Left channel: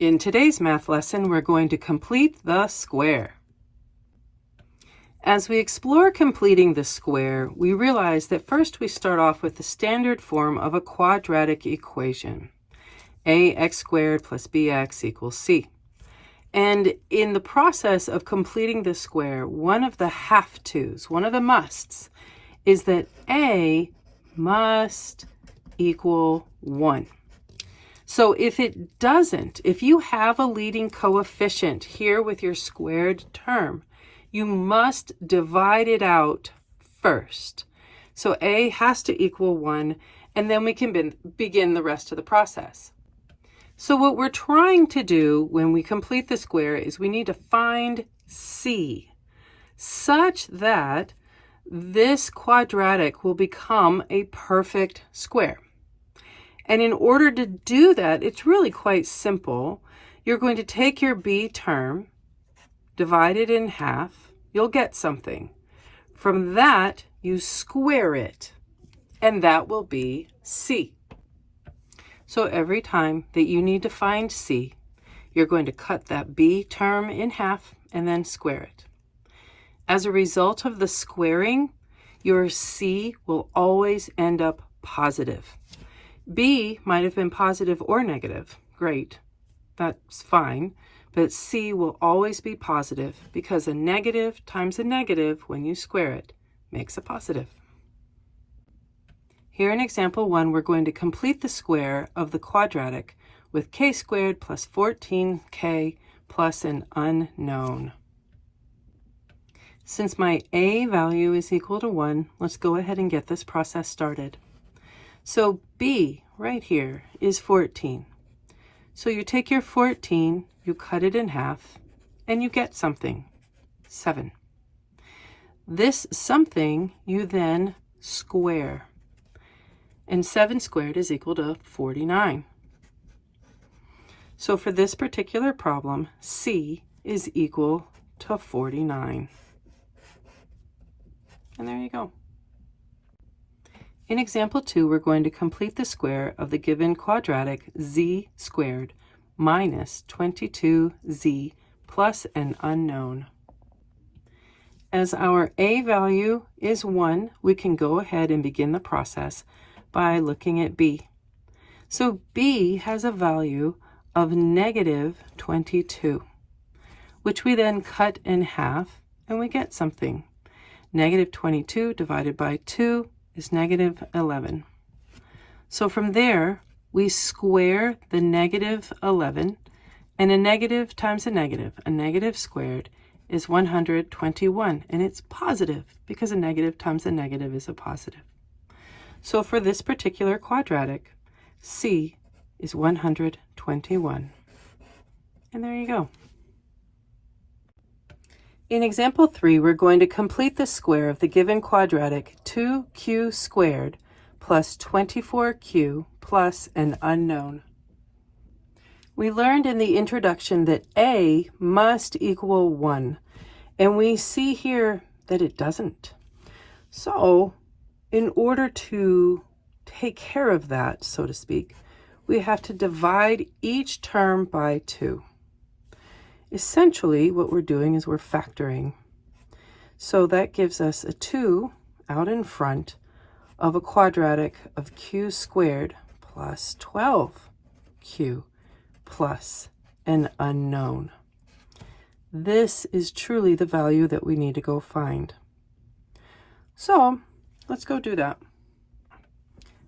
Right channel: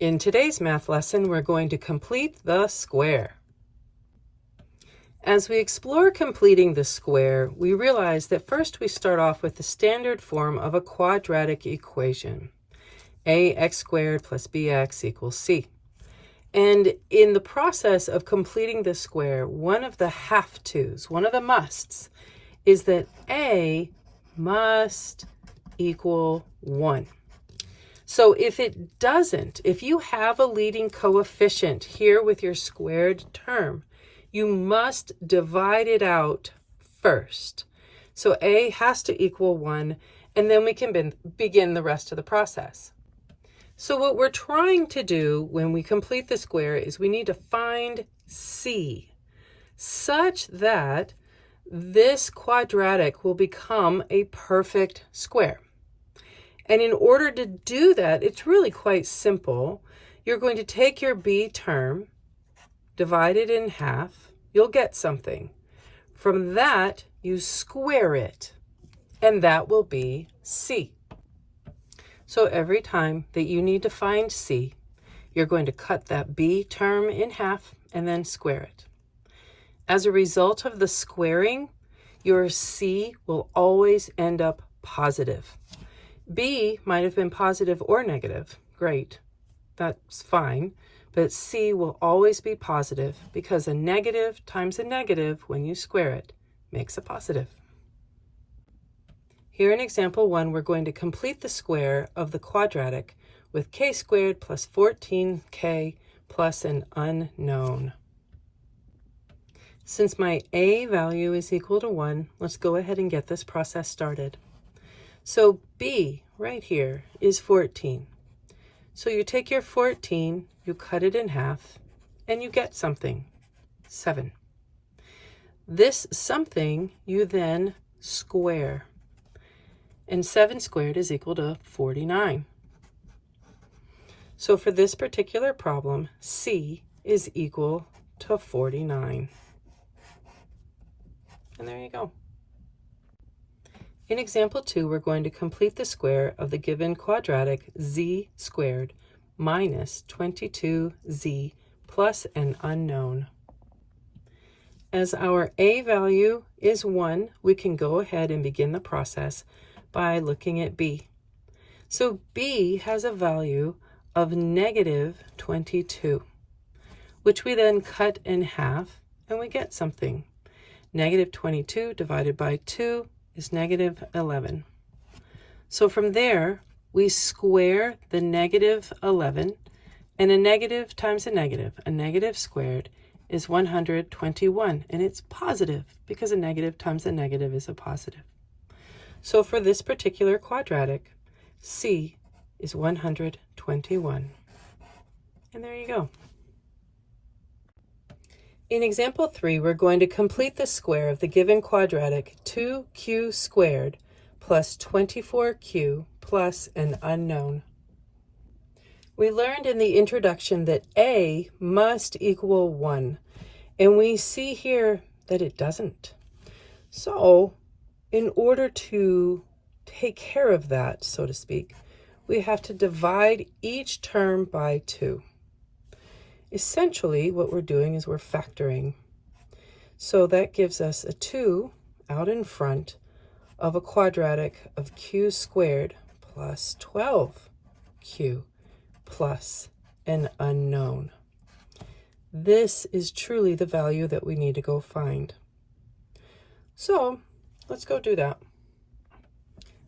In today's math lesson, we're going to complete the square. As we explore completing the square, we realize that first we start off with the standard form of a quadratic equation. Ax squared plus bx equals c. And in the process of completing the square, one of the have-tos, one of the musts, is that a must equal 1. So if it doesn't, if you have a leading coefficient here with your squared term, you must divide it out first. So a has to equal 1, and then we can begin the rest of the process. So what we're trying to do when we complete the square is we need to find c, such that this quadratic will become a perfect square. And in order to do that, it's really quite simple. You're going to take your b term, divide it in half, you'll get something. From that, you square it, and that will be c. So every time that you need to find c, you're going to cut that b term in half and then square it. As a result of the squaring, your c will always end up positive. B might have been positive or negative. Great, that's fine. But C will always be positive because a negative times a negative, when you square it, makes a positive. Here in example 1, we're going to complete the square of the quadratic with k squared plus 14k plus an unknown. Since my a value is equal to 1, let's go ahead and get this process started. So b right here is 14. So you take your 14, you cut it in half, and you get something, 7. This something you then square. And 7 squared is equal to 49. So for this particular problem, c is equal to 49. And there you go. In example 2, we're going to complete the square of the given quadratic z squared minus 22z plus an unknown. As our a value is 1, we can go ahead and begin the process by looking at b. So b has a value of negative 22, which we then cut in half and we get something. Negative 22 divided by 2 is negative 11. So from there, we square the negative 11, and a negative times a negative squared is 121, and it's positive because a negative times a negative is a positive. So for this particular quadratic, c is 121. And there you go. In example 3, we're going to complete the square of the given quadratic 2q squared plus 24q plus an unknown. We learned in the introduction that a must equal 1, and we see here that it doesn't. So in order to take care of that, so to speak, we have to divide each term by 2. Essentially, what we're doing is we're factoring. So that gives us a 2 out in front of a quadratic of q squared plus 12q plus an unknown. This is truly the value that we need to go find. So let's go do that.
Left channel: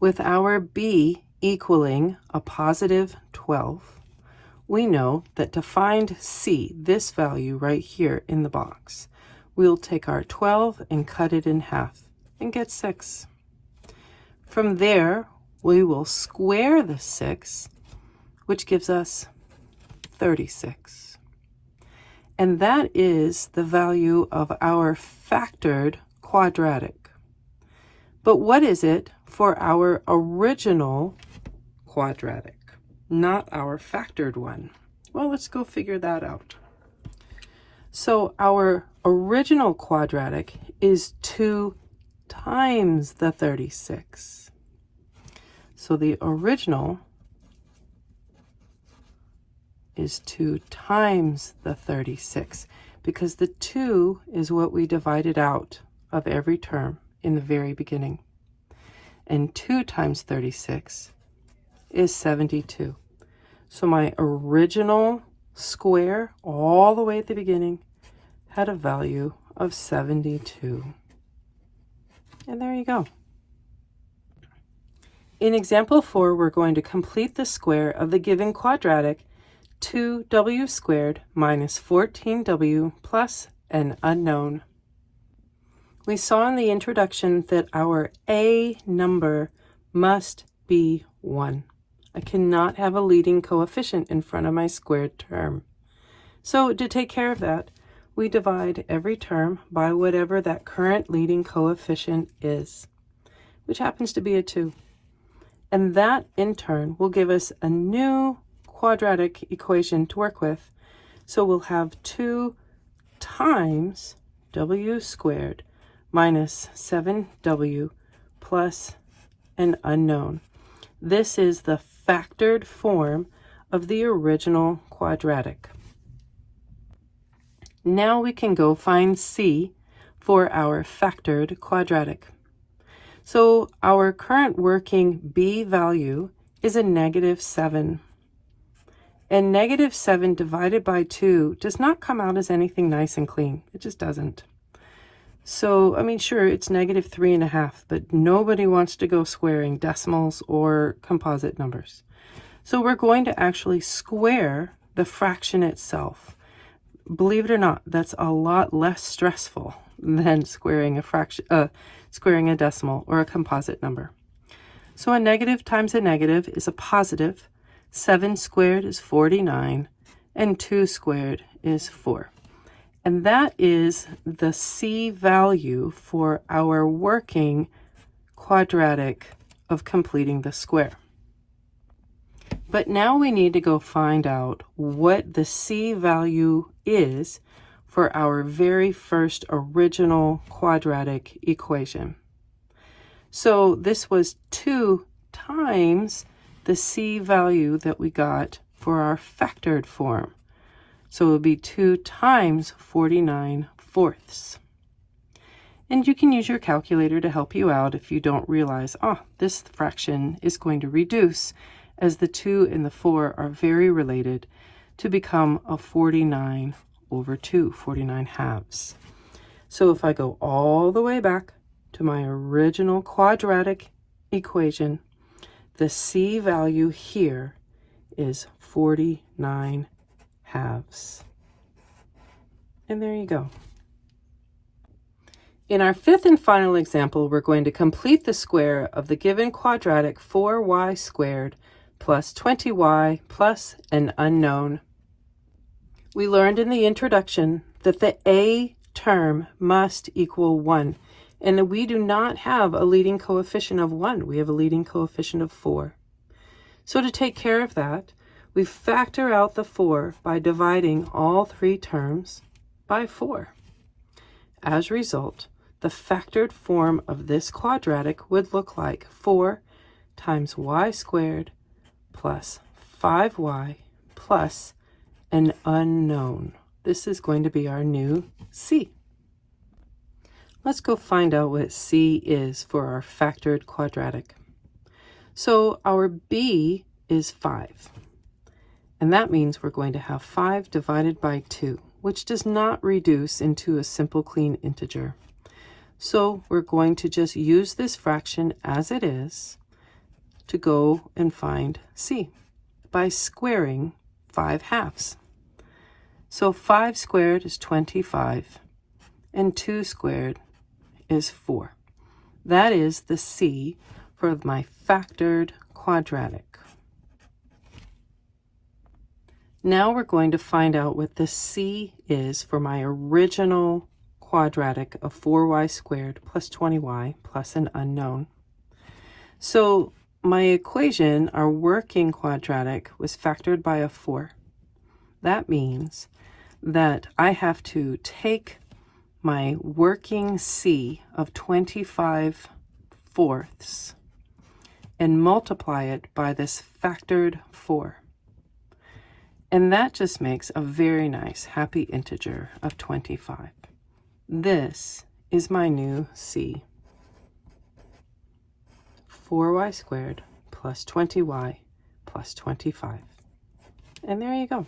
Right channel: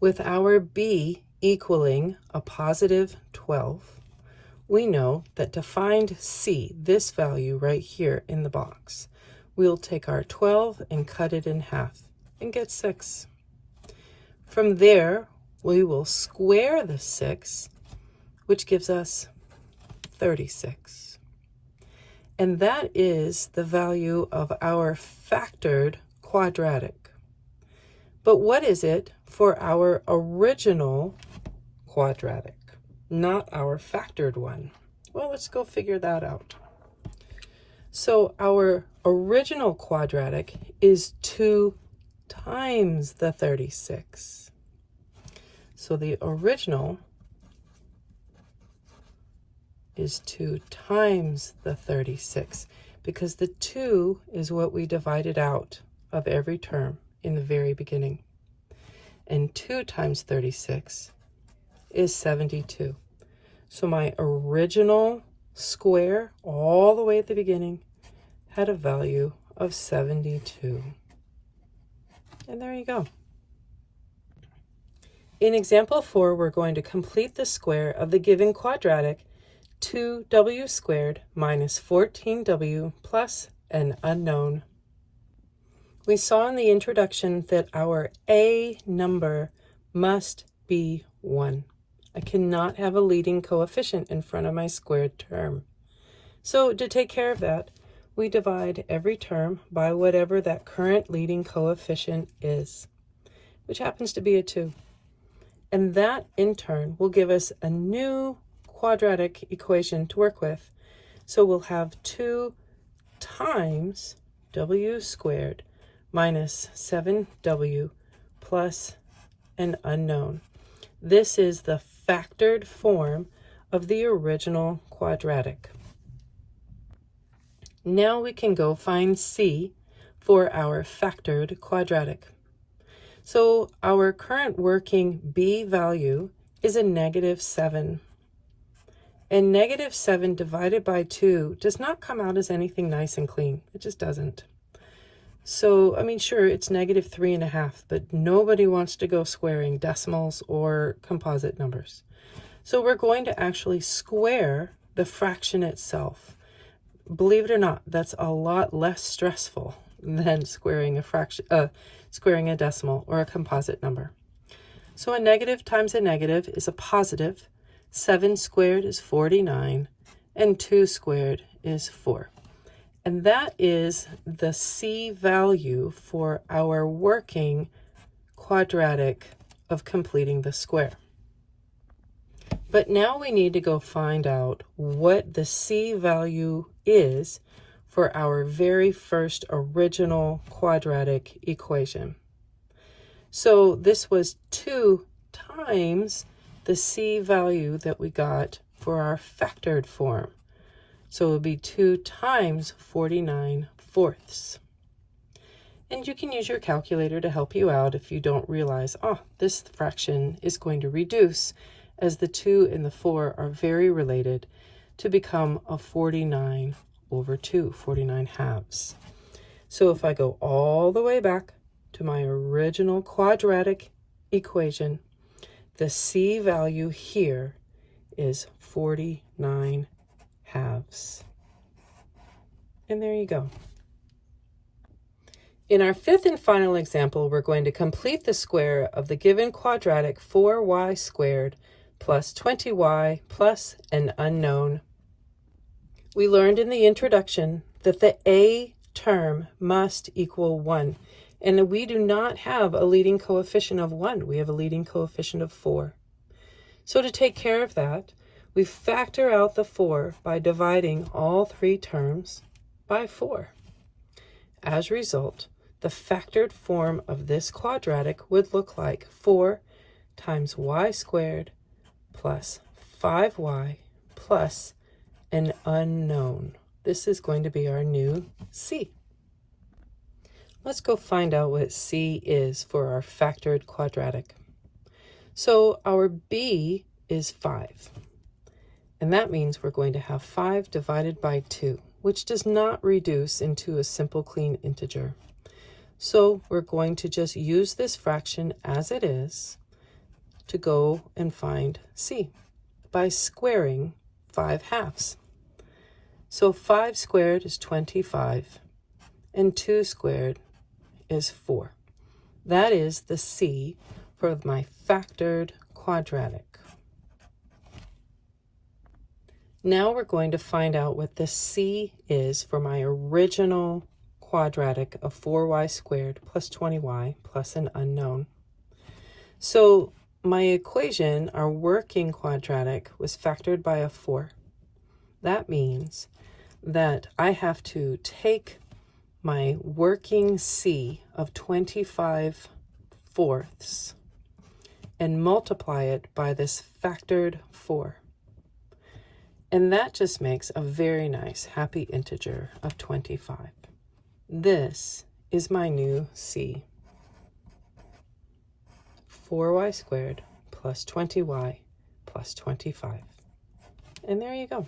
With our b equaling a positive 12, we know that to find c, this value right here in the box, we'll take our 12 and cut it in half and get 6. From there, we will square the 6, which gives us 36. And that is the value of our factored quadratic. But what is it for our original quadratic? Not our factored one. Well, let's go figure that out. So our original quadratic is 2 times the 36. So the original is 2 times the 36, because the 2 is what we divided out of every term in the very beginning. And 2 times 36 is 72. So my original square, all the way at the beginning, had a value of 72. And there you go. In example 4, we're going to complete the square of the given quadratic 2w squared minus 14w plus an unknown. We saw in the introduction that our a number must be 1. I cannot have a leading coefficient in front of my squared term. So to take care of that, we divide every term by whatever that current leading coefficient is, which happens to be a 2. And that, in turn, will give us a new quadratic equation to work with. So we'll have 2 times w squared minus 7w plus an unknown. This is the factored form of the original quadratic. Now we can go find c for our factored quadratic. So our current working b value is a -7. And -7 divided by 2 does not come out as anything nice and clean. It just doesn't. So, I mean, sure, it's -3.5, but nobody wants to go squaring decimals or composite numbers. So we're going to actually square the fraction itself. Believe it or not, that's a lot less stressful than squaring a decimal or a composite number. So a negative times a negative is a positive. 7 squared is 49, and 2 squared is 4. And that is the c value for our working quadratic of completing the square. But now we need to go find out what the c value is for our very first original quadratic equation. So this was 2 times the c value that we got for our factored form. So it would be 2 times 49/4. And you can use your calculator to help you out if you don't realize, this fraction is going to reduce as the 2 and the 4 are very related to become a 49/2, 49 halves. So if I go all the way back to my original quadratic equation, the c value here is 49 halves. And there you go. In our fifth and final example, we're going to complete the square of the given quadratic 4y squared plus 20y plus an unknown. We learned in the introduction that the a term must equal 1, and we do not have a leading coefficient of 1. We have a leading coefficient of 4. So to take care of that, we factor out the 4 by dividing all 3 terms by 4. As a result, the factored form of this quadratic would look like 4 times y squared plus 5y plus an unknown. This is going to be our new c. Let's go find out what c is for our factored quadratic. So our b is 5. And that means we're going to have 5 divided by 2, which does not reduce into a simple clean integer. So we're going to just use this fraction as it is to go and find c by squaring 5 halves. So 5 squared is 25, and 2 squared is 4. That is the c for my factored quadratic. Now we're going to find out what the c is for my original quadratic of 4y squared plus 20y plus an unknown. So my equation, our working quadratic, was factored by a 4. That means that I have to take my working c of 25/4 and multiply it by this factored 4. And that just makes a very nice happy integer of 25. This is my new c. 4y squared plus 20y plus 25. And there you go.